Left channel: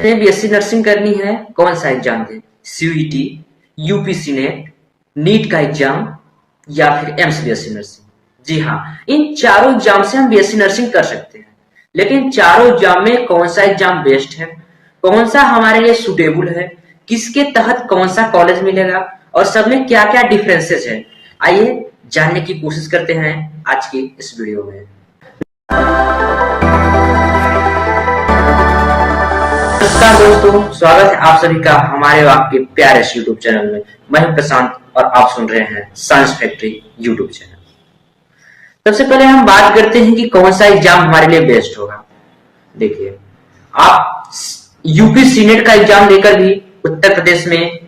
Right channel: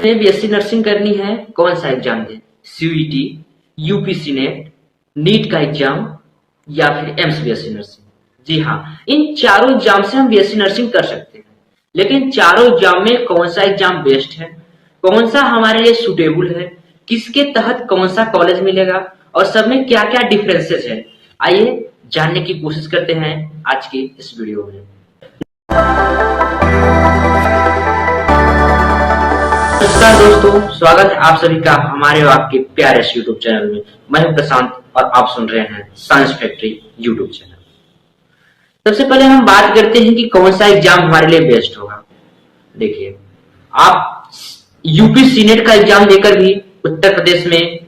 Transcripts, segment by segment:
BSc nursing करनी है, कौन सा एग्जाम दे? सीयूईटी, यूपीसी नेट, नीट का एग्जाम या फिर एम्स बीएससी नर्सिंग? जी हाँ, इन चारों एग्जाम से हम बीएससी नर्सिंग कर सकते हैं। लेकिन चारों एग्जाम में कौन सा एग्जाम बेस्ट है, कौन सा हमारे लिए सुटेबल है, किसके तहत कौन सा कॉलेज मिलेगा और सब में क्या क्या डिफरेंसेस है, आइए जानने की कोशिश करते हैं आज की इस वीडियो में। नमस्कार दोस्तों, स्वागत है आप सभी का हमारे और आपके प्यारे यूट्यूब चैनल में। मैं हूं प्रशांत और आप सुन रहे हैं साइंस फैक्ट्री यूट्यूब चैनल। सबसे पहले हम बात करते हैं कि कौन सा एग्जाम हमारे लिए बेस्ट होगा। देखिए, आप यूपी सीनेट का एग्जाम देकर भी उत्तर प्रदेश में,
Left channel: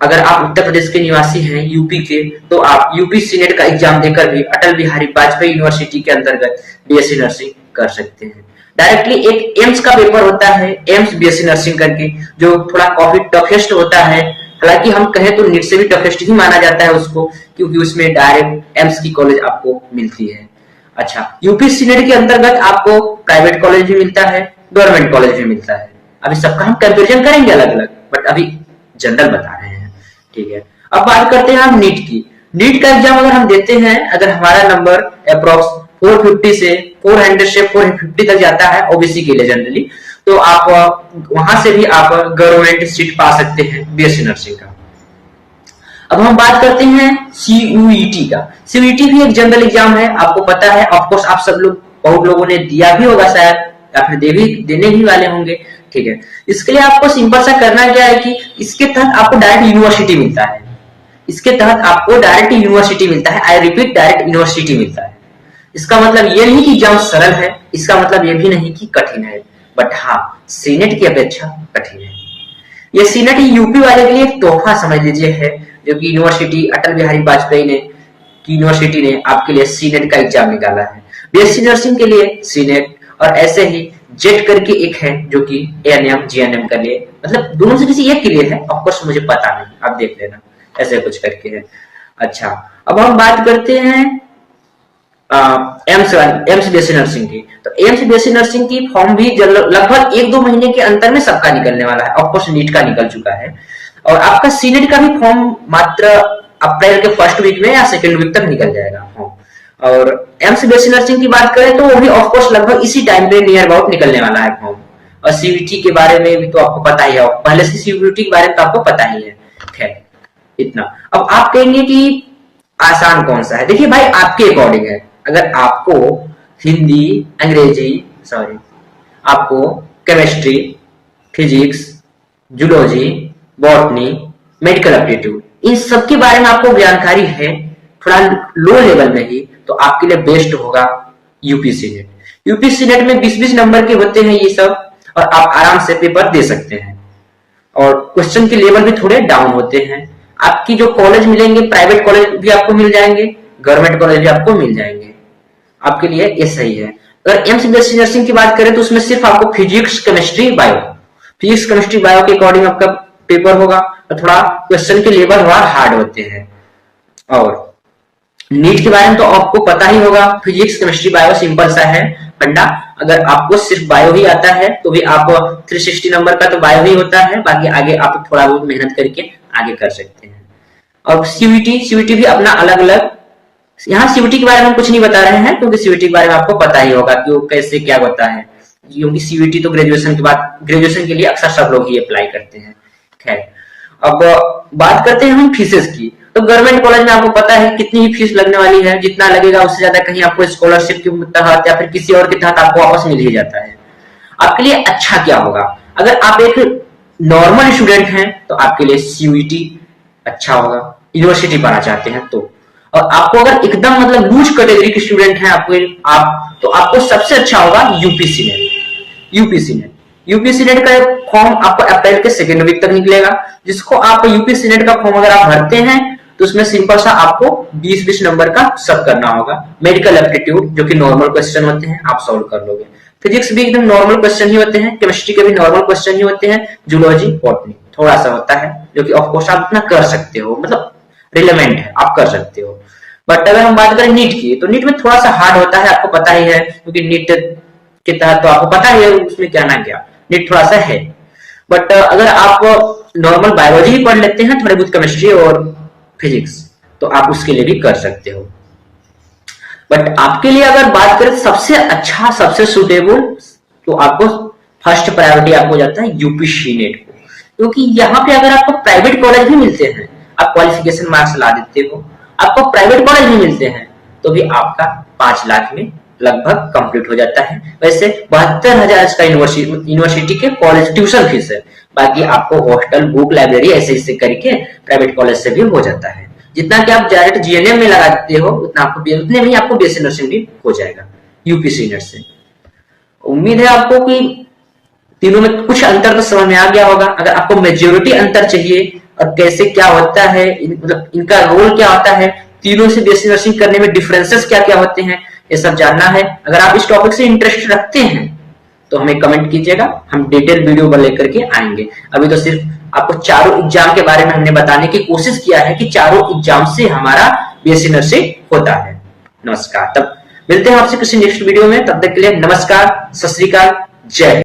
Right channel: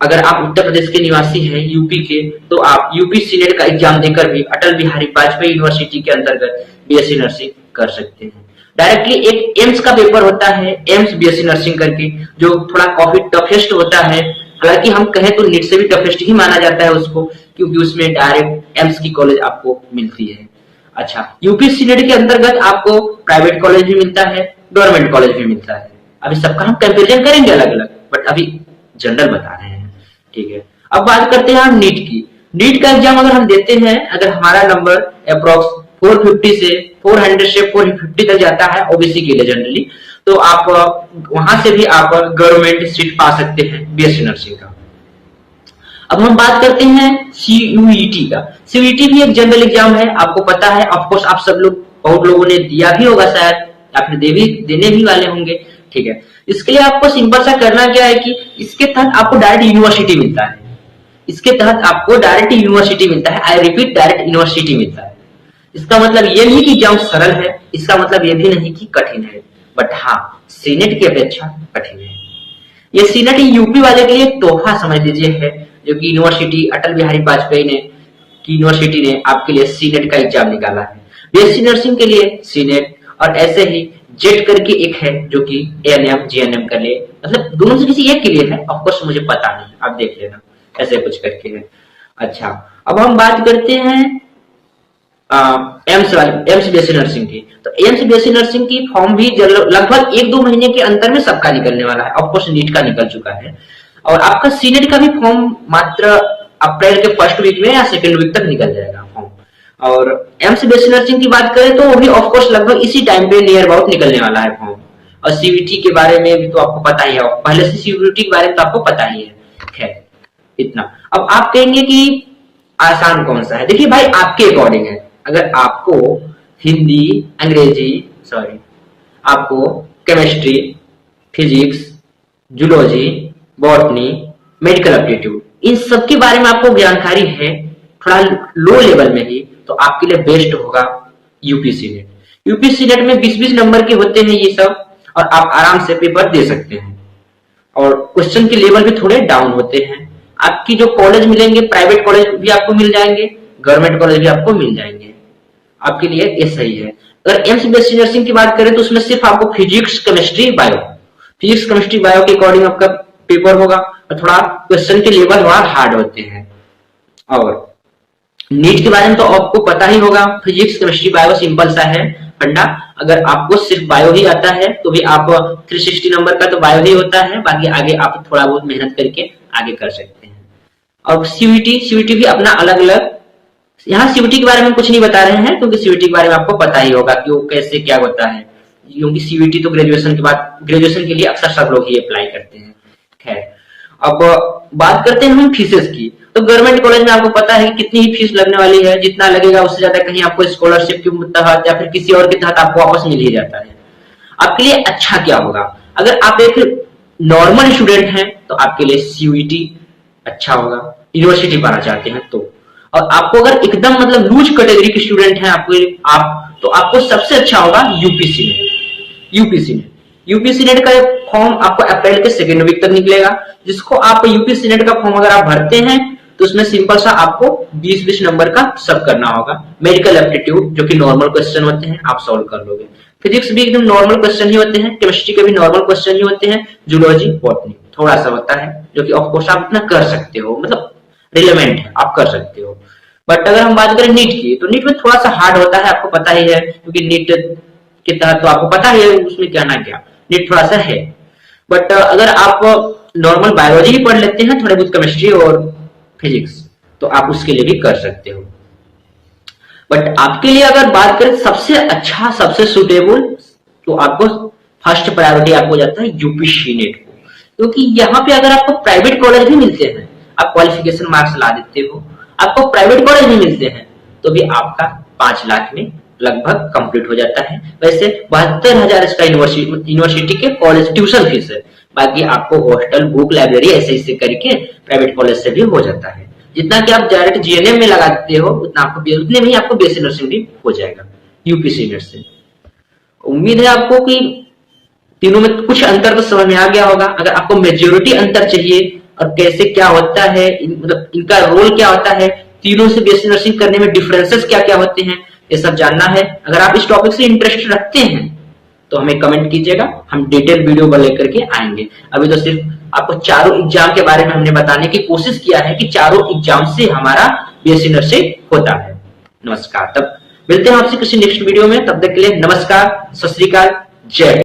अगर आप उत्तर प्रदेश के निवासी हैं यूपी के, तो आप यूपी सीनेट का एग्जाम देकर भी अटल बिहारी वाजपेयी यूनिवर्सिटी के अंतर्गत बीएससी नर्सिंग कर सकते हैं। डायरेक्टली एक एम्स का पेपर होता है, एम्स बीएससी नर्सिंग करके, जो थोड़ा काफी टफेस्ट होता है। हालांकि हम कहें तो नीट से भी टफेस्ट ही माना जाता है उसको, क्योंकि उसमें डायरेक्ट एम्स की कॉलेज आपको मिलती है। अच्छा, यूपी सीनेट के अंतर्गत आपको प्राइवेट कॉलेज भी मिलता है, गवर्नमेंट कॉलेज भी मिलता है। अभी सबका हम कंपेरिजन करेंगे अलग अलग, बट अभी जनरल बता रहे हैं, ठीक है। अब बात करते हैं हम नीट की। नीट का एग्जाम अगर हम देते हैं, अगर हमारा नंबर अप्रोक्स 450 से 400 से 450 तक जाता है ओबीसी के लिए जनरली, तो आप वहां से भी आप गवर्नमेंट सीट पा सकते हैं बीएससी नर्सिंग का। अब हम बात करते हैं सीयूईटी का। सीयूईटी भी एक जनरल एग्जाम है, आपको पता है, ऑफकोर्स आप सब लोग, बहुत लोगों ने दिया भी होगा शायद, या फिर देने भी वाले होंगे, ठीक है। इसके लिए आपको सिंपल सा करना क्या है कि इसके तहत आपको डायरेक्ट यूनिवर्सिटी मिलता है। इसके तहत आपको डायरेक्ट यूनिवर्सिटी मिलता है, आई रिपीट, डायरेक्ट यूनिवर्सिटी मिलता है। इसका मतलब ये नहीं कि एग्जाम सरल है, इसका मतलब ये भी नहीं कि कठिन है, बट हाँ, सीनेट की अपेक्षा कठिन है। ये सीनेट यूपी वाले के लिए एक तोहफा समझ लीजिए है, जो कि यूनिवर्सिटी अटल बिहारी वाजपेयी ने की यूनिवर्सिटी ने आपके लिए सीनेट का एग्जाम निकाला है। बीएससी नर्सिंग के लिए सीनेट, और ऐसे ही जेट करके एक है जो कि एएनएम जीएनएम के लिए, मतलब दोनों से किसी एक के लिए है, ऑफकोर्स मुझे पता नहीं, आप देख लेना, ऐसे कुछ करके है। अच्छा, अब हम बात करते हैं एम्स बीएससी नर्सिंग की। तो एम्स बीएससी नर्सिंग की फॉर्म भी लगभग 1-2 महीने के अंतर में सबका निकलने वाला है। ऑफकोर्स नीट का निकल चुका है, और आपका सीनेट का भी फॉर्म मात्र अप्रैल के फर्स्ट वीक में या सेकेंड वीक तक निकल जाएगा फॉर्म। और एम्स बीएससी नर्सिंग की बात करें तो वो भी ऑफकोर्स लगभग इसी टाइम पे नियर अबाउट निकलने वाला है फॉर्म। और सीवीटी के बारे में भी तो आपको पता ही है, पहले से सीवीटी के बारे में तो आपको पता ही है। खैर, इतना। अब आप कहेंगे कि आसान कौन सा है? देखिए भाई, आपके अकॉर्डिंग है। अगर आपको हिंदी, अंग्रेजी, सॉरी, आपको chemistry, physics, zoology, botany, medical aptitude, इन सब के बारे में आपको जानकारी है थोड़ा लो लेवल में ही, तो आपके लिए बेस्ट होगा यूपी सीनेट। यूपी सीनेट में 20-20 नंबर के होते हैं ये सब, और आप आराम से पेपर दे सकते हैं, और क्वेश्चन के लेवल भी थोड़े डाउन होते हैं। आपकी जो कॉलेज मिलेंगे, प्राइवेट कॉलेज भी आपको मिल जाएंगे, गवर्नमेंट कॉलेज भी आपको मिल जाएंगे, आपके लिए ये सही है। अगर एम्स बीएससी नर्सिंग की बात करें तो उसमें सिर्फ आपको physics, chemistry, bio, physics, chemistry, bio के अकॉर्डिंग आपका पेपर होगा, और थोड़ा क्वेश्चन के लेवल थोड़ा हार्ड होते हैं। और नीट के बारे में तो आपको पता ही होगा, फिजिक्स, केमिस्ट्री, बायो सिंपल सा है फंडा। अगर आपको सिर्फ बायो ही आता है तो भी आप 360 नंबर का तो बायो ही होता है, बाकी आगे आप थोड़ा बहुत मेहनत करके आगे कर सकते हैं। अब सीयूईटी भी अपना अलग अलग, यहाँ सीयूईटी के बारे में हम कुछ नहीं बता रहे हैं, क्योंकि सीयूईटी के बारे में आपको पता ही होगा कि वो कैसे क्या होता है, क्योंकि सीयूईटी तो ग्रेजुएशन के बाद, ग्रेजुएशन के लिए अक्सर सब लोग ही अप्लाई करते हैं। खैर, अब बात करते हैं हम फीसेस की। तो गवर्नमेंट कॉलेज में आपको पता है कितनी ही फीस लगने वाली है, जितना लगेगा उससे ज्यादा कहीं आपको स्कॉलरशिप के तहत या फिर किसी और के तहत आपको वापस मिल ही जाता है। आपके लिए अच्छा क्या होगा? अगर आप एक नॉर्मल स्टूडेंट हैं तो आपके लिए सीयूईटी अच्छा होगा, यूनिवर्सिटी पढ़ना चाहते हैं तो। और आपको अगर एकदम मतलब लूज कैटेगरी के स्टूडेंट हैं आप तो आपको सबसे अच्छा होगा यूपी सीनेट। यूपी सीनेट का फॉर्म आपको अप्रैल के सेकेंड वीक तक निकलेगा, जिसको आप यूपी सीनेट का फॉर्म अगर आप भरते हैं तो उसमें सिंपल सा आपको 20-20 नंबर का सब करना होगा। मेडिकल एप्टीट्यूड जो कि नॉर्मल क्वेश्चन होते हैं, आप सॉल्व कर लोगे। फिजिक्स भी एकदम नॉर्मल क्वेश्चन ही होते हैं, केमिस्ट्री के भी नॉर्मल क्वेश्चन ही होते हैं, जूलॉजी, बॉटनी थोड़ा सा होता है, जो कि ऑफकोर्स आप इतना कर सकते हो, मतलब रिलेवेंट है, आप कर सकते हो। बट अगर हम बात करें नीट की, तो नीट में थोड़ा सा हार्ड होता है, आपको पता ही है, क्योंकि नीट के तहत तो आपको पता ही है उसमें क्या ना क्या। नीट थोड़ा सा है। बट अगर आप नॉर्मल बायोलॉजी भी पढ़ लेते हैं, थोड़ी बहुत केमिस्ट्री और फिजिक्स, तो आप उसके लिए भी कर सकते हो। बट आपके लिए अगर बात करें सबसे अच्छा, सबसे सुटेबल, तो आपको फर्स्ट प्रायोरिटी आपको जाता है यूपीसी नेट को, क्योंकि यहाँ पे अगर आपको प्राइवेट कॉलेज भी मिलते हैं, आप क्वालिफिकेशन मार्क्स ला देते हो, आपको प्राइवेट कॉलेज भी मिलते हैं, तो भी आपका 5 लाख में लगभग कंप्लीट हो जाता है। वैसे 72,000 इसका यूनिवर्सिटी के कॉलेज ट्यूशन फीस है, बाकी आपको हॉस्टल, बुक, लाइब्रेरी ऐसे करके प्राइवेट कॉलेज से भी हो जाता है। जितना कि आप डायरेक्ट जीएनएम में लगाते हो उतने में ही आपको बीएससी नर्सिंग भी हो जाएगा यूपीसी नेट से। उम्मीद है आपको कि तीनों में कुछ अंतर तो समझ में आ गया होगा। अगर आपको मेजोरिटी अंतर चाहिए और कैसे क्या होता है, मतलब इनका रोल क्या होता है, तीनों से बीएससी नर्सिंग करने में डिफरेंसेस क्या क्या होते हैं, ये सब जानना है। अगर आप इस टॉपिक से इंटरेस्ट रखते हैं तो हमें कमेंट कीजिएगा, हम डिटेल वीडियो पर लेकर के आएंगे। अभी तो सिर्फ आपको चारों एग्जाम के बारे में हमने बताने की कोशिश किया है कि चारों एग्जाम से हमारा बीएससी नर्सिंग होता है। नमस्कार, तब मिलते हैं आपसे किसी नेक्स्ट वीडियो में। तब तक के लिए नमस्कार, सत श्री अकाल, जय।